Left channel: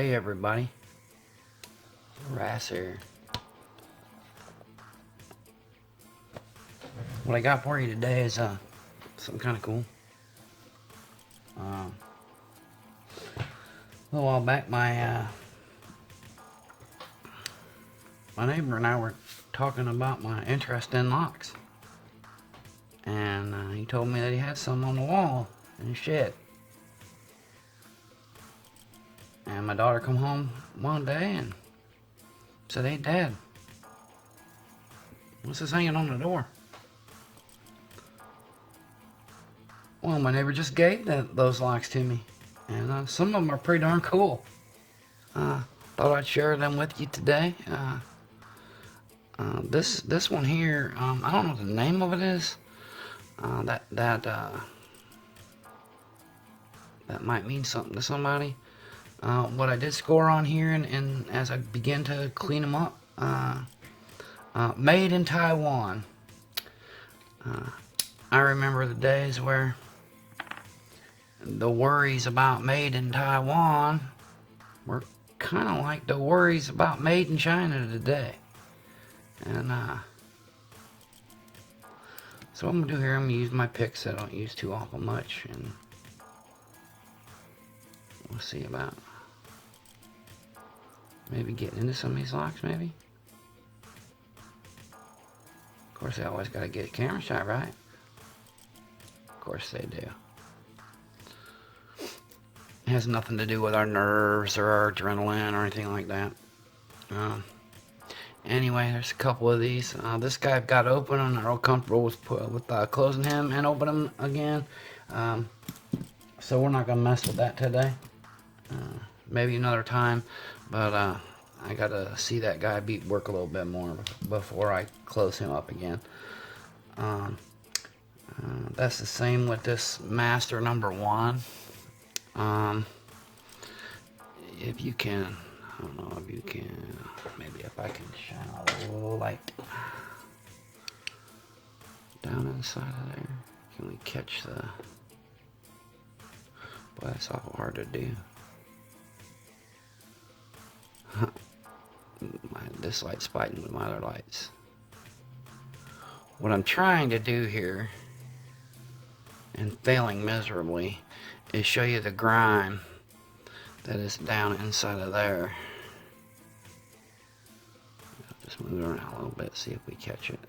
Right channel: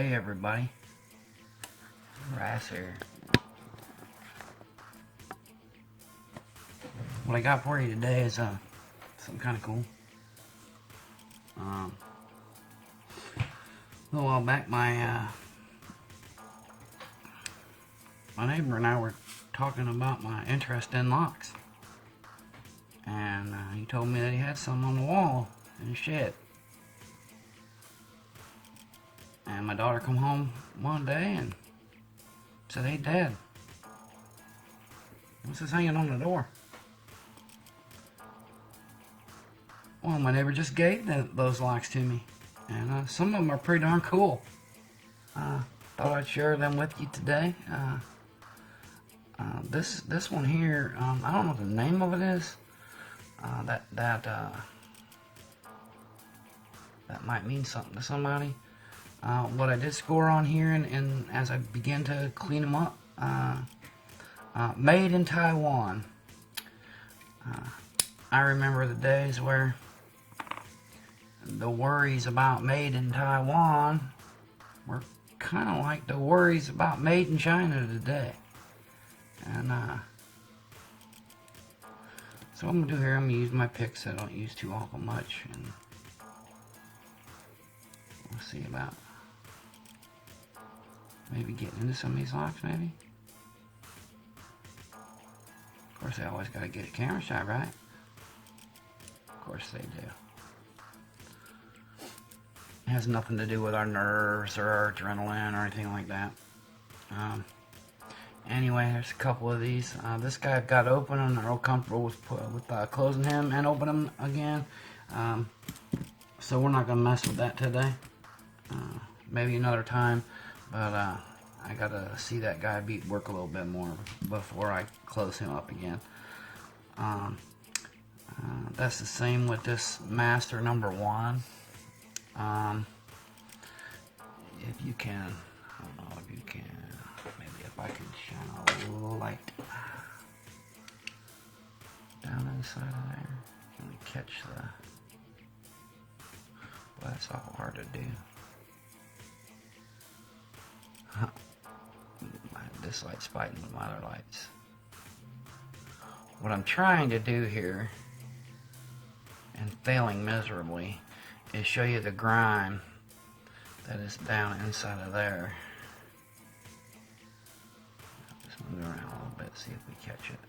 Hey everybody, RAS here. What I got for you today is something kind of cool. A little while back, my neighbor and I were talking about my interest in locks, and he told me that he had some on the wall in his shed. And my daughter come home one day and said, "Hey Dad, what's this hanging on the door?" Well, my neighbor just gave those locks to me, and some of them are pretty darn cool. Thought I'd share them with you today. This one here, I don't know what the name of it is. That might mean something to somebody. What I did score on here, and as I began to clean them up, made in Taiwan. I remember the days where the worries about made in Taiwan were kind of like the worries about made in China today. And so what I'm gonna do here, I'm gonna use my picks that I don't use too awful much, and we'll see about maybe getting into some of these locks, maybe. Of course, they always gotta get a camera shot, right? Of course they do. It has nothing to do with our nerves or our adrenaline or anything like that. Anyway, there's a couple of these. This guy got open, and I'm real comfortable with closing him and opening him again. So we're not gonna mess with that today. Maybe another time, but I gotta see that guy work a little bit more before I close him up again. That's the same with this master number 1. If you can, I don't know if you can, maybe if I can shine a little light down inside of there. Can we catch the, boy, that's awful hard to do. This light's fighting with my other lights. What I'm trying to do here, and failing miserably, is show you the grime that is down inside of there. Just move it around a little bit, see if we catch it.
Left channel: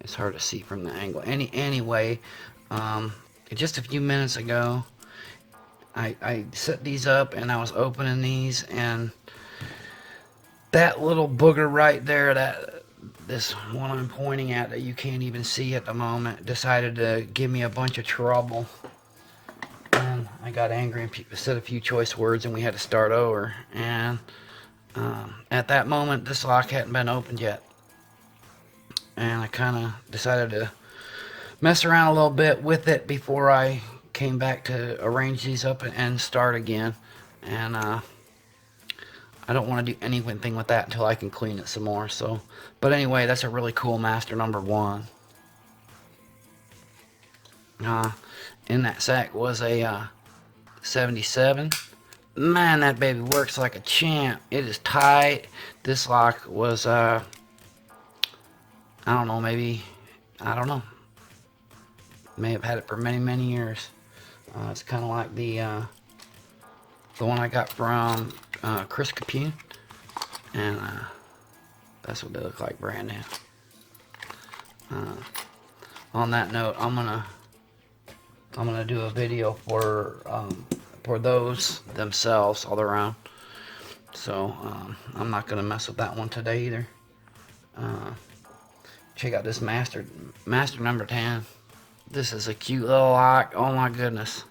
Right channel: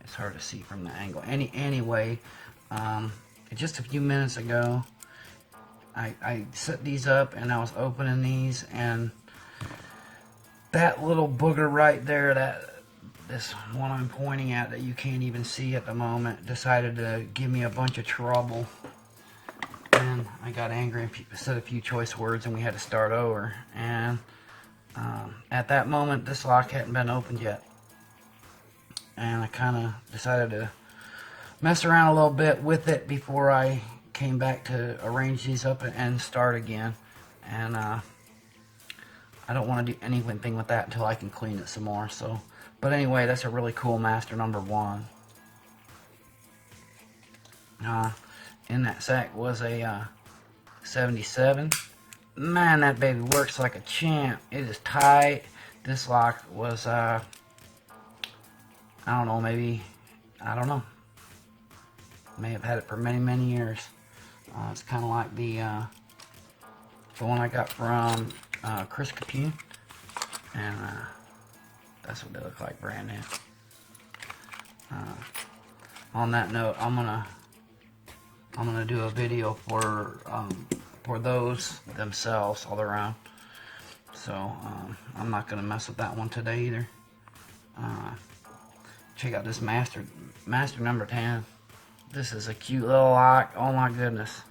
It's hard to see from the angle. Anyway, just a few minutes ago, I set these up and I was opening these, and that little booger right there, this one I'm pointing at that you can't even see at the moment, decided to give me a bunch of trouble. And I got angry and said a few choice words, and we had to start over. And at that moment, this lock hadn't been opened yet. And I kind of decided to mess around a little bit with it before I came back to arrange these up and start again. And I don't want to do anything with that until I can clean it some more. So, but anyway, that's a really cool master number 1. In that sack was a 77. Man, that baby works like a champ. It is tight. This lock was I don't know, maybe, I don't know, may have had it for many years. It's kind of like the one I got from Chris Capune, and that's what they look like brand new. On that note, I'm gonna do a video for those themselves all around. So I'm not gonna mess with that one today either. Check out this master number 10. This is a cute little lock. Oh my goodness,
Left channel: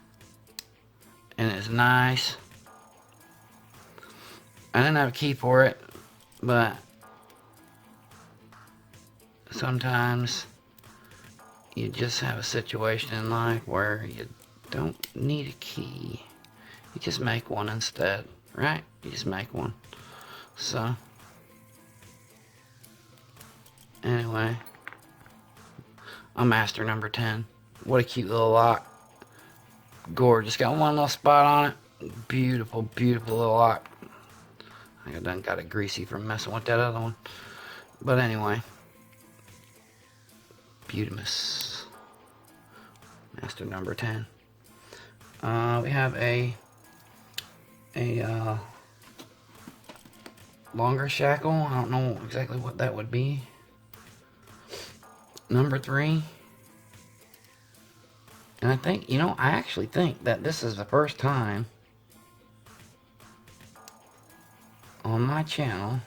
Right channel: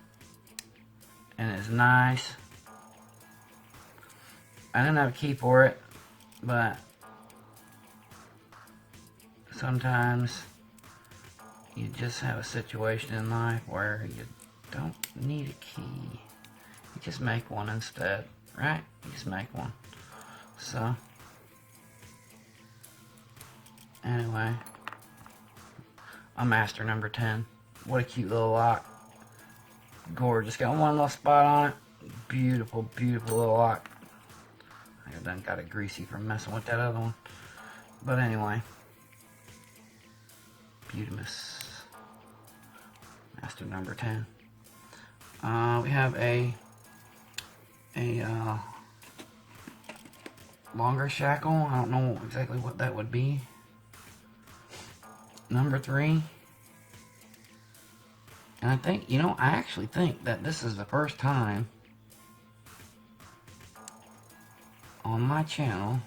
and it's nice. I didn't have a key for it, but sometimes you just have a situation in life where you don't need a key. You just make one instead, right? You just make one. So, anyway, a master number 10. What a cute little lock. Gorgeous. Got one little spot on it. Beautiful, beautiful little lock. I done got it greasy from messing with that other one. But anyway. Beautimous. Master number 10. We have a longer shackle. I don't know exactly what that would be. Number 3. And I think, I actually think that this is the first time on my channel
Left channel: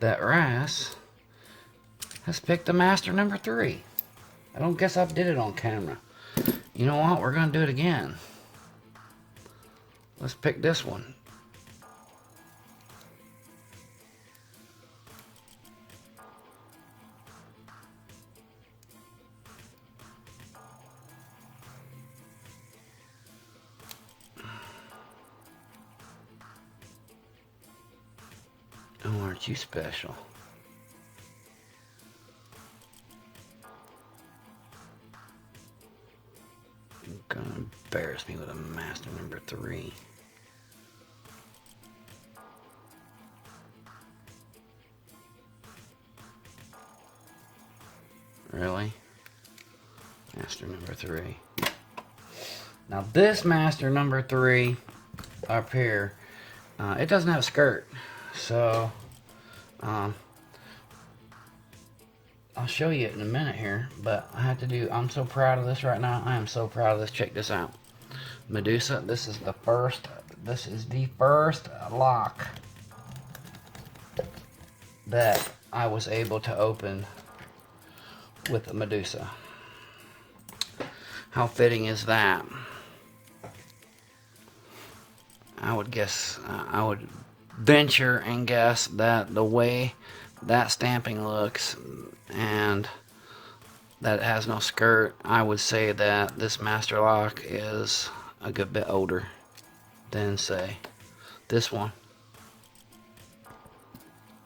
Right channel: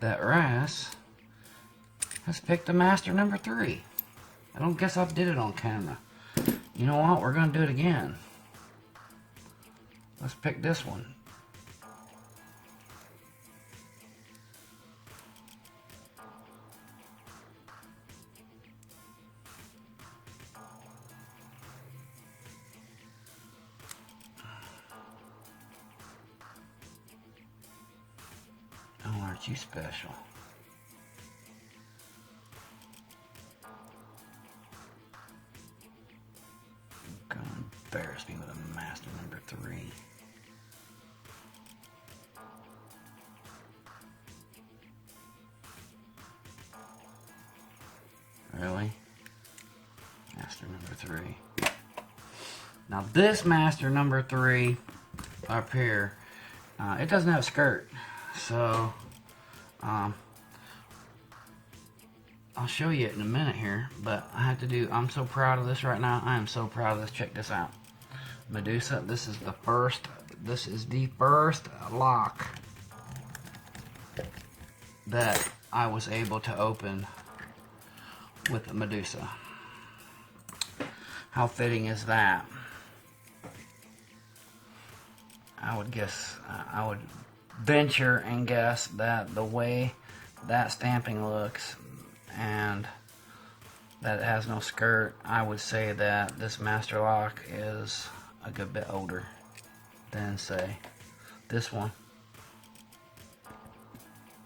that RAS has picked the master number 3. I don't guess I did it on camera. You know what? We're going to do it again. Let's pick this one. Oh, aren't you special? Gonna embarrass me with a master number 3. Really? Master number 3. Now this master number 3 up here, it doesn't have a skirt. So, I'll show you it in a minute here, but I'm so proud of this right now. I am so proud of this. Check this out. Medusa, this is the first lock that I was able to open with a Medusa. How fitting is that? I would guess, I would venture and guess that the way that stamping looks and that it has no skirt, I would say that this master lock is a good bit older than, say, this one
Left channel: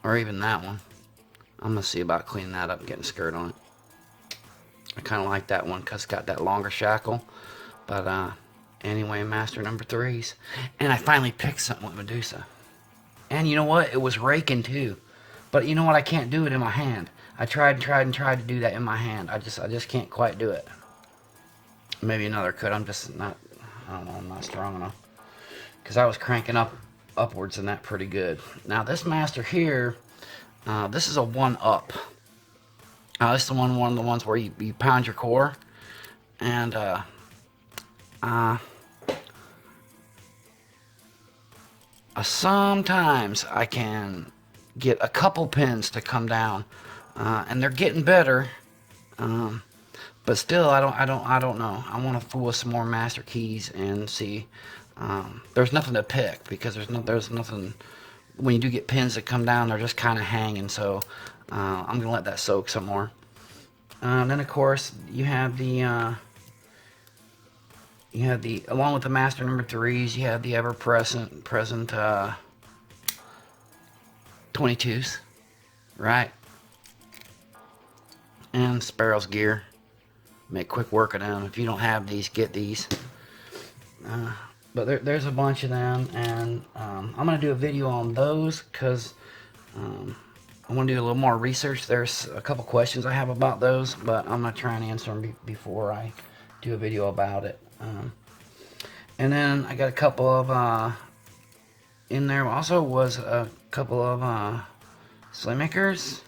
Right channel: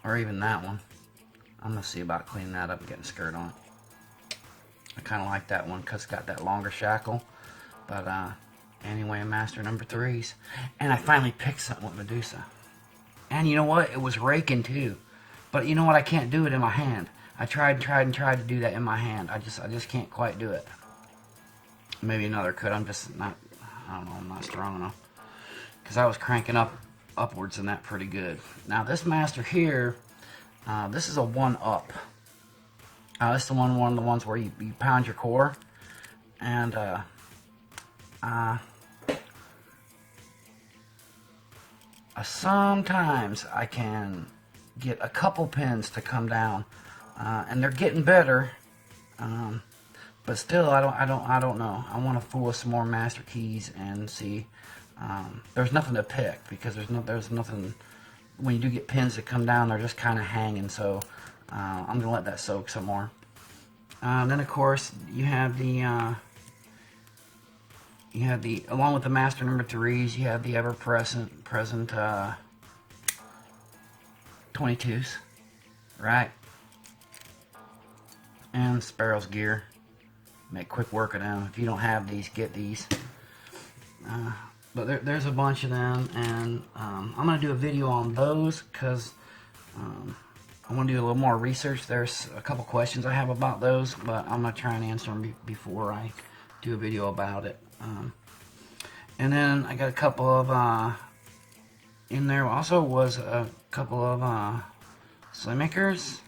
or even that one. I'm gonna see about cleaning that up and getting a skirt on it. I kind of like that one because it's got that longer shackle. But anyway, master number 3s, and I finally picked something with Medusa. And you know what? It was raking too. But you know what? I can't do it in my hand. I tried to do that in my hand. I just can't quite do it. Maybe another could. I'm just not, I don't know, I'm not strong enough. Because I was cranking upwards in that pretty good. Now this master here, this is a 1-up. This is one of the ones where you pound your core. And sometimes I can get a couple pins to come down, and they're getting better, but still I don't know. I want to fool with some more master keys and see. There's nothing to pick because there's nothing. When you do get pins that come down, they're just kind of hanging. So I'm gonna let that soak some more. Then of course you have the along with the master number 3s, you have the ever present 22s, right? And Sparrow's gear. Make quick work of them. If you don't have these, get these. But there's a bunch of them, and I'm gonna do a video on those because I want to do a little more research. There's a couple questions I have about those, but I'm gonna try and answer them before I do a video about it. And then I got a couple of in there also was a couple of Slaymakers.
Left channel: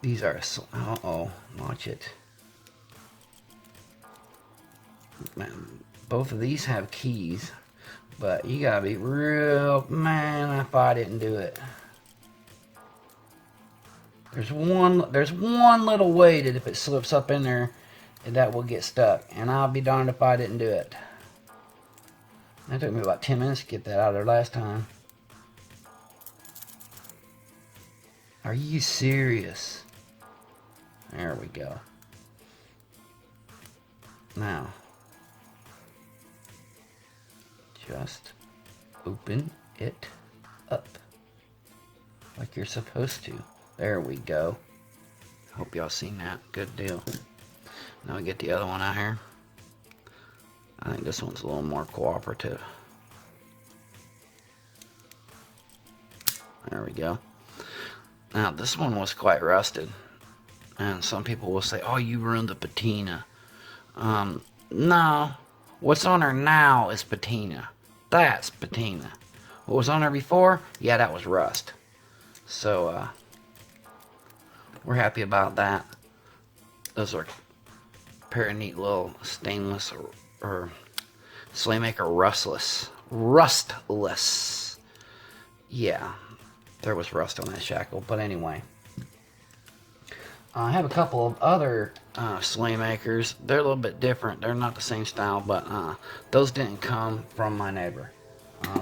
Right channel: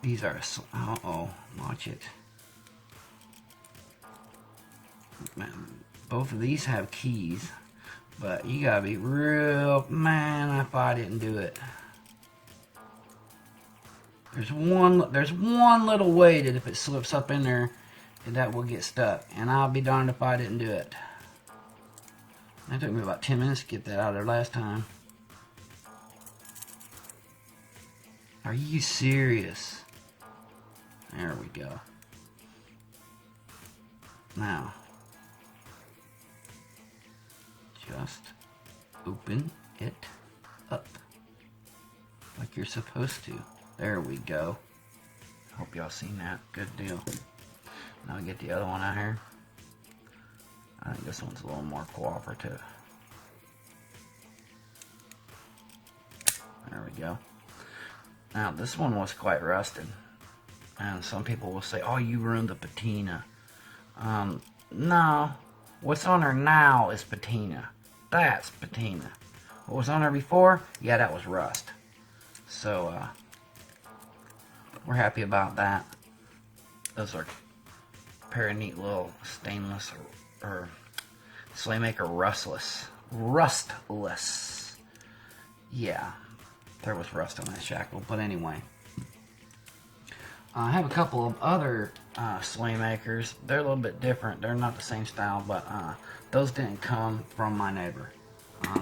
These are watch it. Man, both of these have keys, but you gotta be real, man. I thought I didn't do it. There's one little way that if it slips up in there, that will get stuck, and I'll be darned if I didn't do it. It took me about 10 minutes to get that out of there last time. Are you serious? There we go. Now, just open it up like you're supposed to. There we go. Hope y'all seen that. Good deal. Now we get the other one out here. I think this one's a little more cooperative. There we go. Now, this one was quite rusted. And some people will say, oh, you ruined the patina. No. What's on her now is patina. That's patina. What was on her before? Yeah, that was rust. So, we're happy about that. Those are a pair of neat little stainless or Slaymaker rustless. Yeah, there was rust on that shackle. But anyway, I have a couple of other Slaymakers. They're a little bit different. They're not the same style, but those didn't come from my neighbor.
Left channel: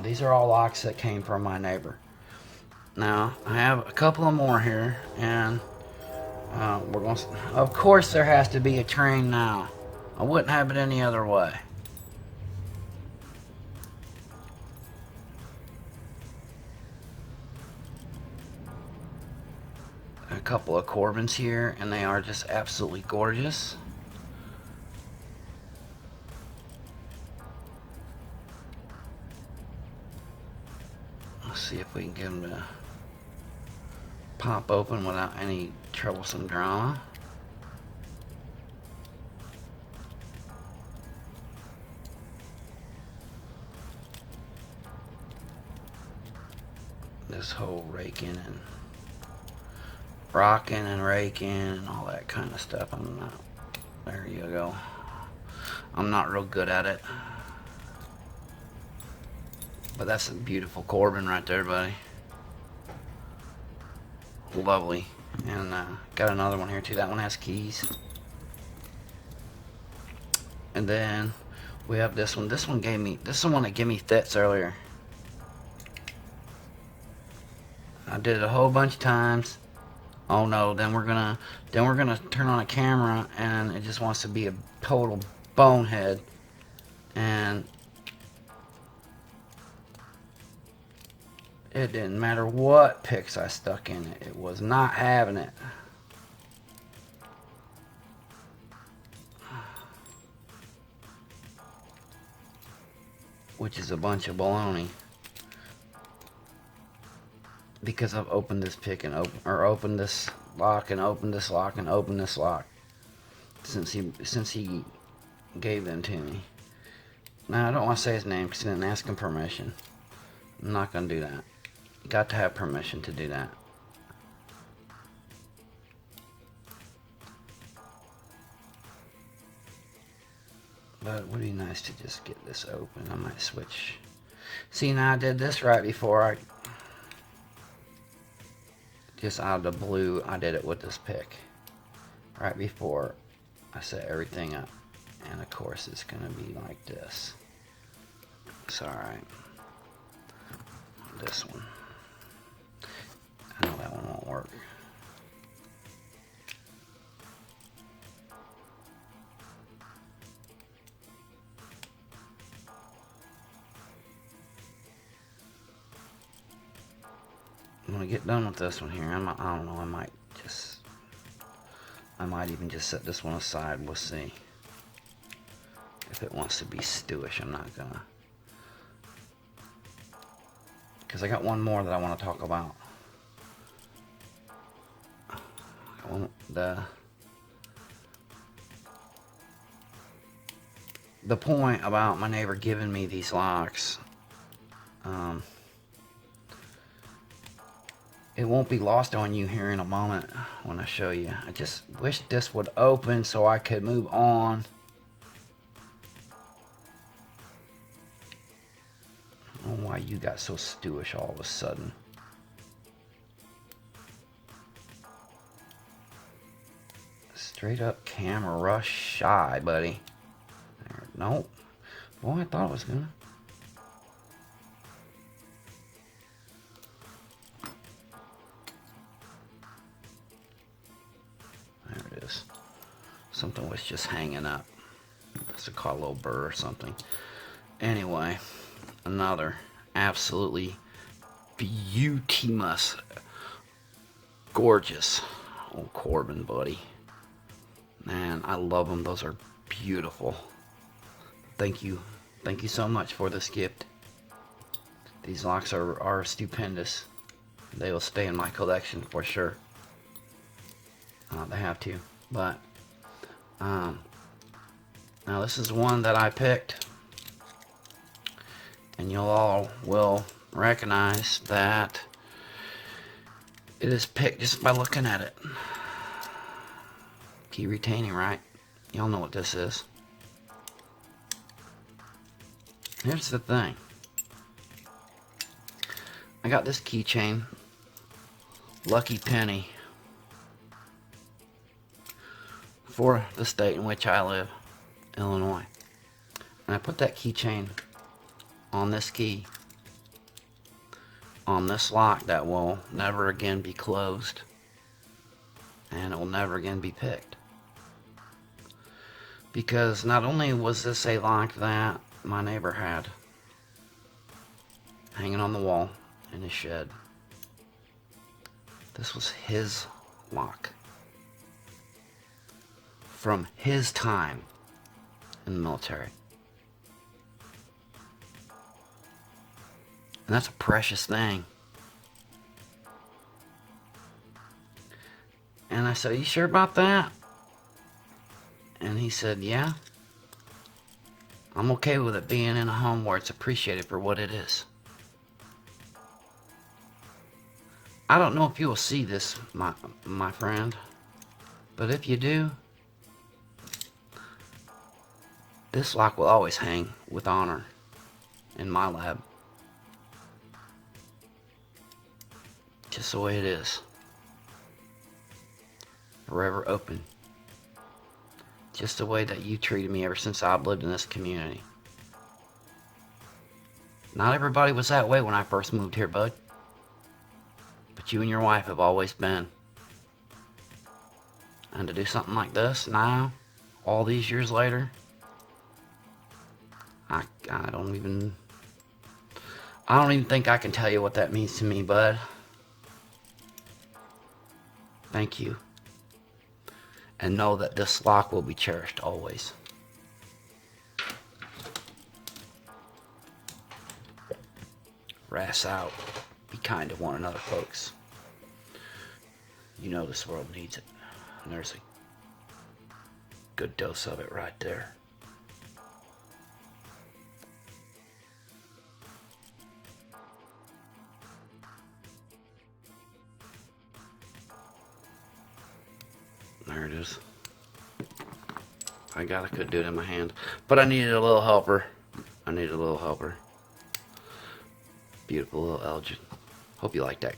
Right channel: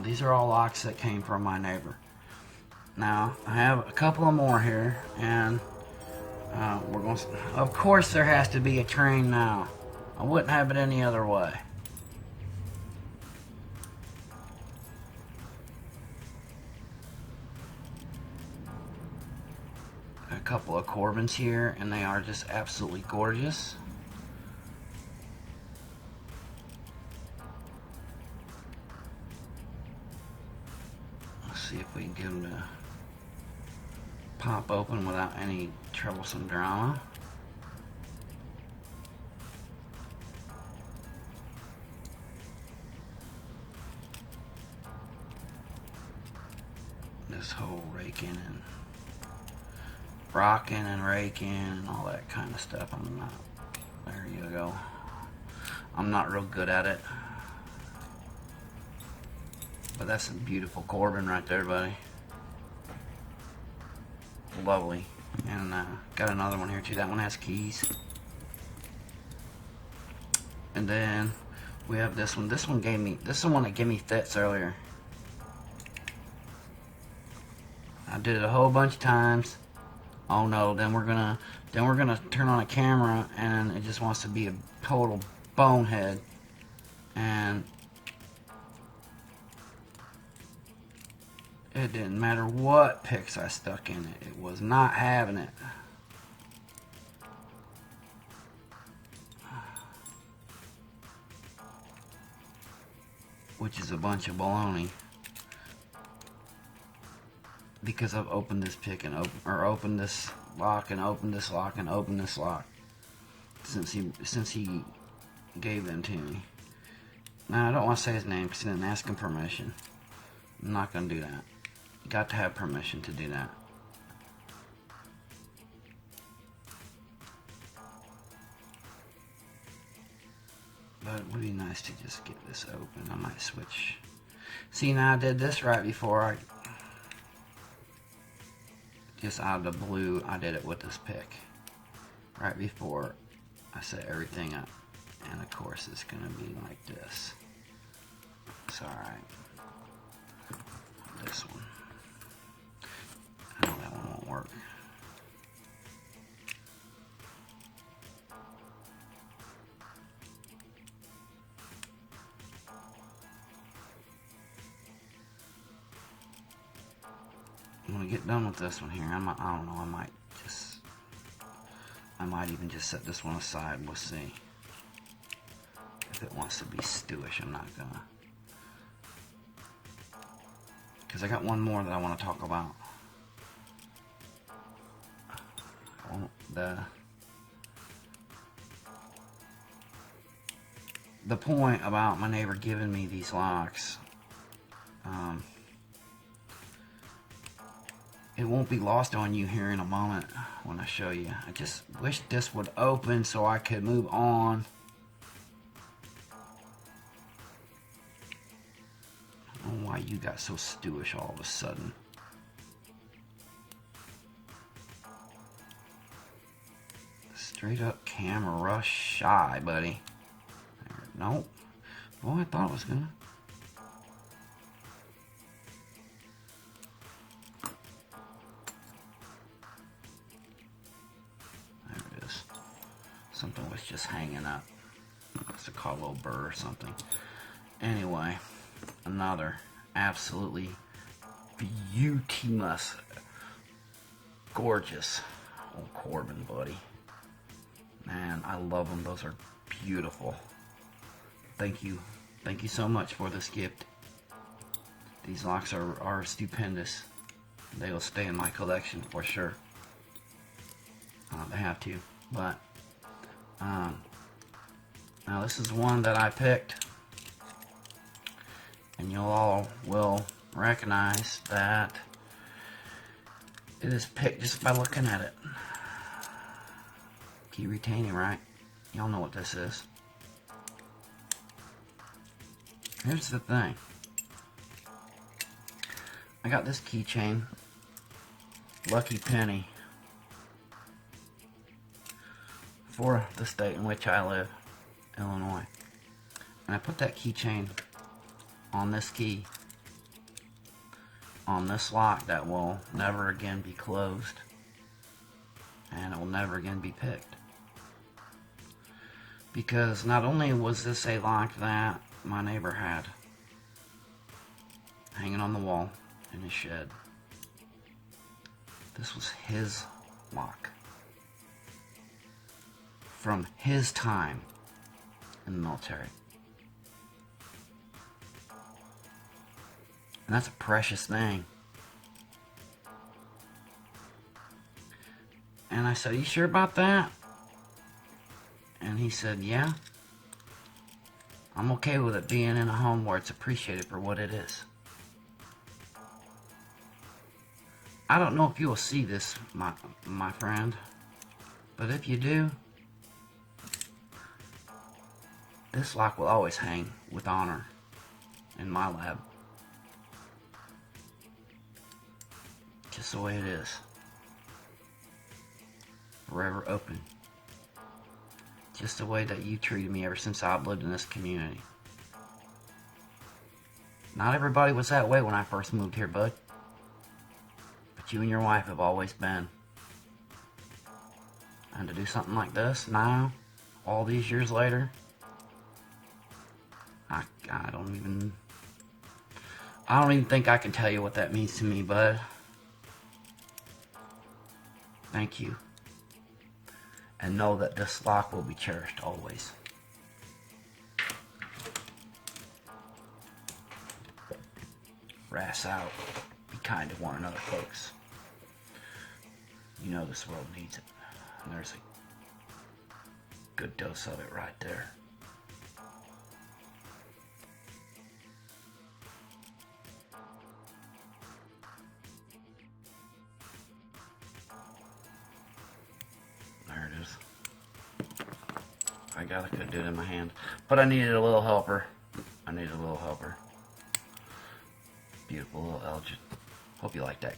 These are all locks that came from my neighbor. Now, I have a couple of more here, and we're going to... Of course, there has to be a train now. I wouldn't have it any other way. A couple of Corbins here, and they are just absolutely gorgeous. Let's see if we can get them to pop open without any troublesome drama. This whole raking and rocking and raking and all that kind of stuff, I'm not, there you go. I'm not real good at it. But that's a beautiful Corbin right there, buddy. Lovely. And got another one here too. That one has keys. And then we have this one. This is the one that gave me fits earlier. I did it a whole bunch of times. Oh no, then we're gonna turn on a camera and it just wants to be a total bonehead. And it didn't matter what picks I stuck in it. It was not having it. Which is a bunch of baloney. Because I've opened this pick and opened this lock and opened this lock and opened this lock since he gave them to me. Now I don't want to say his name because I didn't ask him permission. I'm not gonna do that. You got to have permission to do that. But it would be nice to just get this open. I might switch. See, now I did this right before I... Just out of the blue, I did it with this pick. Right before I set everything up. And of course, it's going to be like this. It's alright. This one. I know that one won't work. When we get done with this one here, I don't know, I might even just set this one aside. We'll see. If it wants to be stewish, I'm not gonna. Because I got one more that I want to talk about. The point about my neighbor giving me these locks, it won't be lost on you here in a moment when I show you. I just wish this would open so I could move on. I don't know why you got so stewish all of a sudden. Straight up camera shy, buddy. Nope. Well, I thought it was gonna. There it is. Something was just hanging up. It's a call a little burr or something. Anyway, another absolutely beautimous, gorgeous old Corbin, buddy. Man, I love them. Those are beautiful. thank you. Thank you so much for this gift. These locks are stupendous. They will stay in my collection for sure. They have to. But now this is one that I picked, and you all will recognize that it is picked just by looking at it. Key retaining, right? Y'all know what this is. Here's the thing. I got this keychain, Lucky Penny, for the state in which I live, Illinois. And I put that keychain on this key, on this lock that will never again be closed, and it will never again be picked. Because not only was this a lock that my neighbor had hanging on the wall in his shed, this was his lock from his time in the military. And that's a precious thing. And I said, "Are you sure about that?" And he said, "Yeah. I'm okay with it being in a home where it's appreciated for what it is." I don't know if you will see this, my friend, but if you do, this lock will always hang with honor in my lab. Just the way it is. Forever open. Just the way that you treated me ever since I've lived in this community. Not everybody was that way when I first moved here, bud. But you and your wife have always been. And to do something like this now, all these years later, I don't even think I can tell you what that means to me, bud. Thank you. And know that this lock will be cherished always. RAS out. Be kind to one another, folks. You know this world needs it. And there's a good dose of it right there. There it is. I could do it in my hand. But I needed a little helper. Beautiful little Elgin. Hope you like that.